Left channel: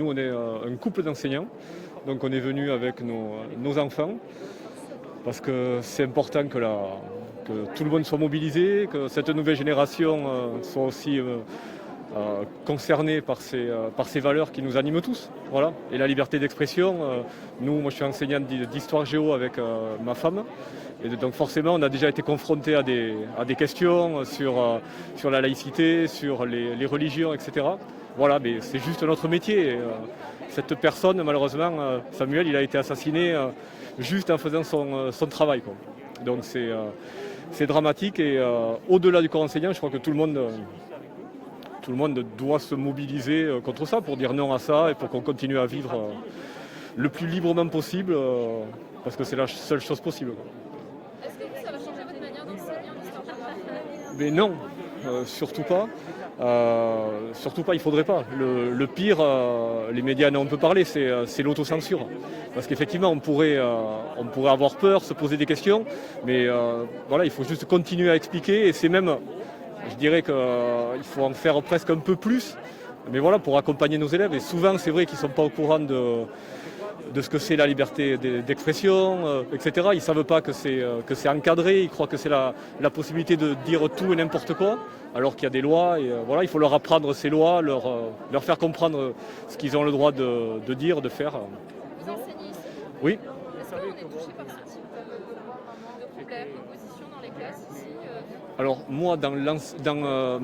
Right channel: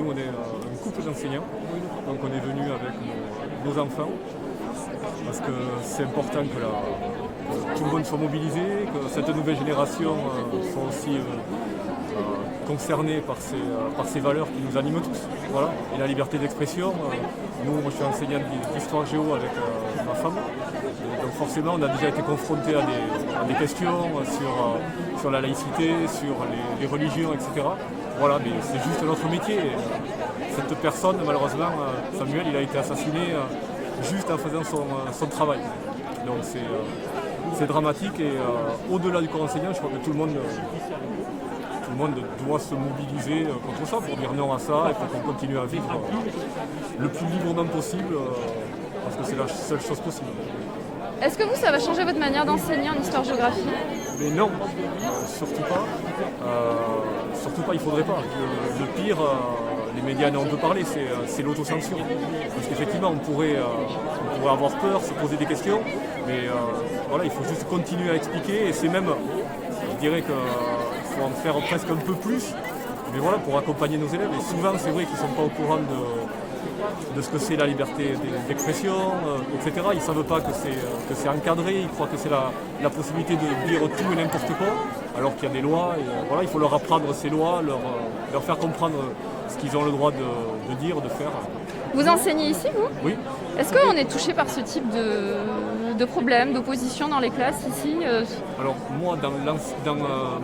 nous on est un couple d'enseignants, donc on est venu avec nos enfants, parce que c'est important que tout le monde soit mobilisé, que cette nouvelle génération soit aussi concernée par ces valeurs qui nous animent tous. Voilà. Et la liberté d'expression, moi je suis enseignant d'histoire géo avec ma femme, et donc forcément on a déjà été confronté à des questions sur la laïcité, sur les religions, etc. Voilà, mais c'est juste notre métier. Cette personne, malheureusement, Samuel, il a été assassiné juste en faisant son travail. Donc c'est dramatique et au-delà du corps enseignant, je crois que tout le monde doit se mobiliser contre ça pour dire non à ça et pour qu'on continue à vivre le plus librement possible parce que c'est la seule chose possible. Est-ce que ça va changer votre manière d'enseigner en histoire-géographie? Mais non, surtout pas. Surtout pas, il faudrait pas. Le pire, les médias en ont peu parlé, c'est l'autocensure. Parce qu'effectivement, on pourrait avoir peur, se poser des questions, mais voilà, il faut juste continuer à expliquer et c'est même, je dirais qu'il faut en faire presque un peu plus, mais voilà, pour accompagner nos élèves. Et souvent, c'est vrai qu'ils ne sont pas au courant de ce que c'est la liberté d'expression, etc. Ils ne savent pas que c'est encadré, ils croient que c'est la possibilité de dire tout et n'importe quoi, alors qu'il y a des lois. Et, voilà, il faut leur apprendre ces lois, leur faire comprendre ce qu'ils ont le droit de dire, de faire. Vous enseignez ici, vous? Oui. Est-ce qu'on est touché par ce type de problème, d'opposition dans les classes ici? Alors moi,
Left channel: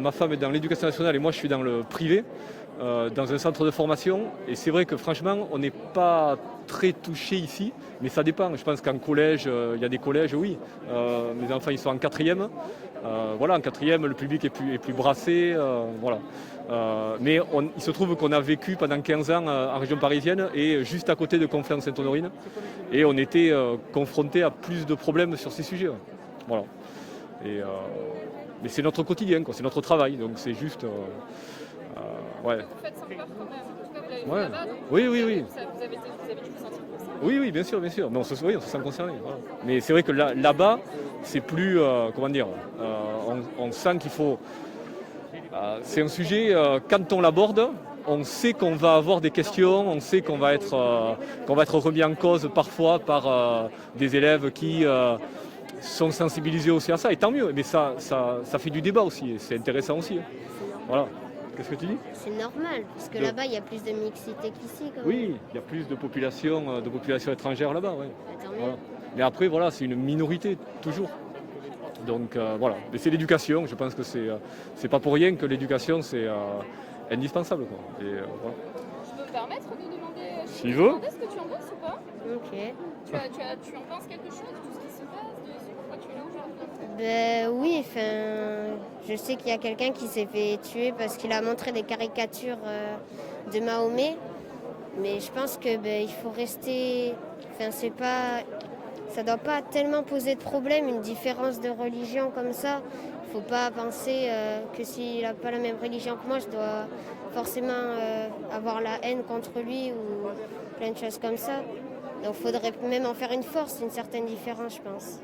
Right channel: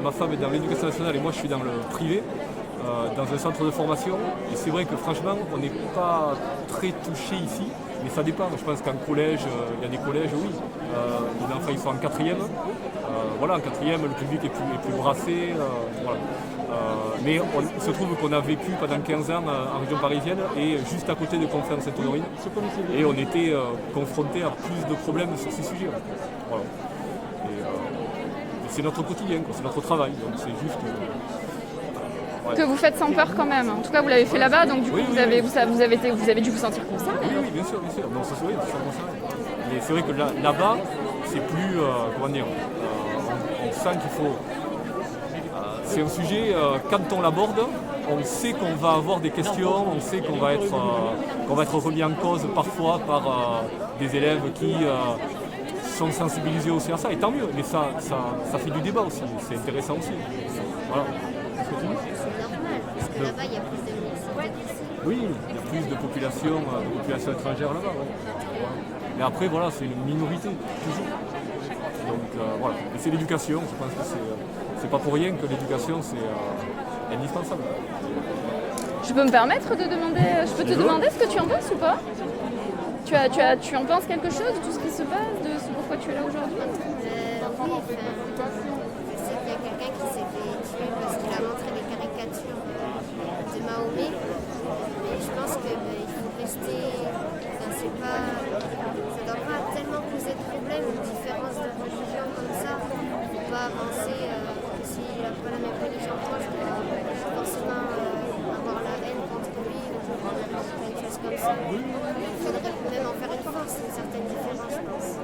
ma femme est dans l'éducation nationale et moi je suis dans le privé. Dans un centre de formation, et c'est vrai que franchement on n'est pas très touché ici, mais ça dépend. Je pense qu'en collège, il y a des collèges, oui, les enfants ils sont en quatrième, voilà, en quatrième le public est plus brassé, voilà. Mais il se trouve qu'on a vécu pendant 15 ans en région parisienne et juste à côté de Conflans-Sainte-Honorine, et on était confronté à plus de problèmes sur ces sujets, voilà. Et c'est notre quotidien, quoi, c'est notre travail, donc c'est juste... Que vous faites sans peur quand même. En tout cas, vous l'avez fait là-bas, donc du coup, vous avez dû vous sentir concerné. Oui, bien sûr. Bon, on se sent concerné. Mais c'est vrai que là-bas, c'est plus, comment dire, on sent qu'il faut... c'est un sujet, quand on l'aborde, on sait qu'on va avoir des questions, on sait qu'on va être remis en cause parfois par des élèves qui sont sensibilisés aussi à ça, et tant mieux. Mais ça fait du débat aussi, c'est intéressant aussi. Voilà. Qu'est-ce que tu dis? C'est normal, parce que là-bas, il y a plus de mixité qu'ici. Oui, il y a plus de population étrangère là-bas. Ouais. Voilà. Mais après, voilà, c'est une minorité, toujours. Donc voilà. Et c'est l'éducation, je pense que c'est pas pour rien que l'éducation, c'est indispensable. Et, voilà. Je peux me permettre de demander, demander ce que tu en penses ou pas? Tu en penses quelque chose de tout ce qui se passe, de pourquoi tu es là aujourd'hui? Oui, je sais qu'il y a quelqu'un qui s'est fait tuer parce qu'il a montré des caricatures de Mahomet, mais je pense qu'il faut rester... ça ne doit pas tellement poser de problème, une différence de religion comme ça. Il ne faut pas penser que s'il n'a pas la même religion que moi, je dois forcément avoir la haine contre lui ou plein de choses comme ça. Il faudrait même en faire une force, une certaine différence, je pense.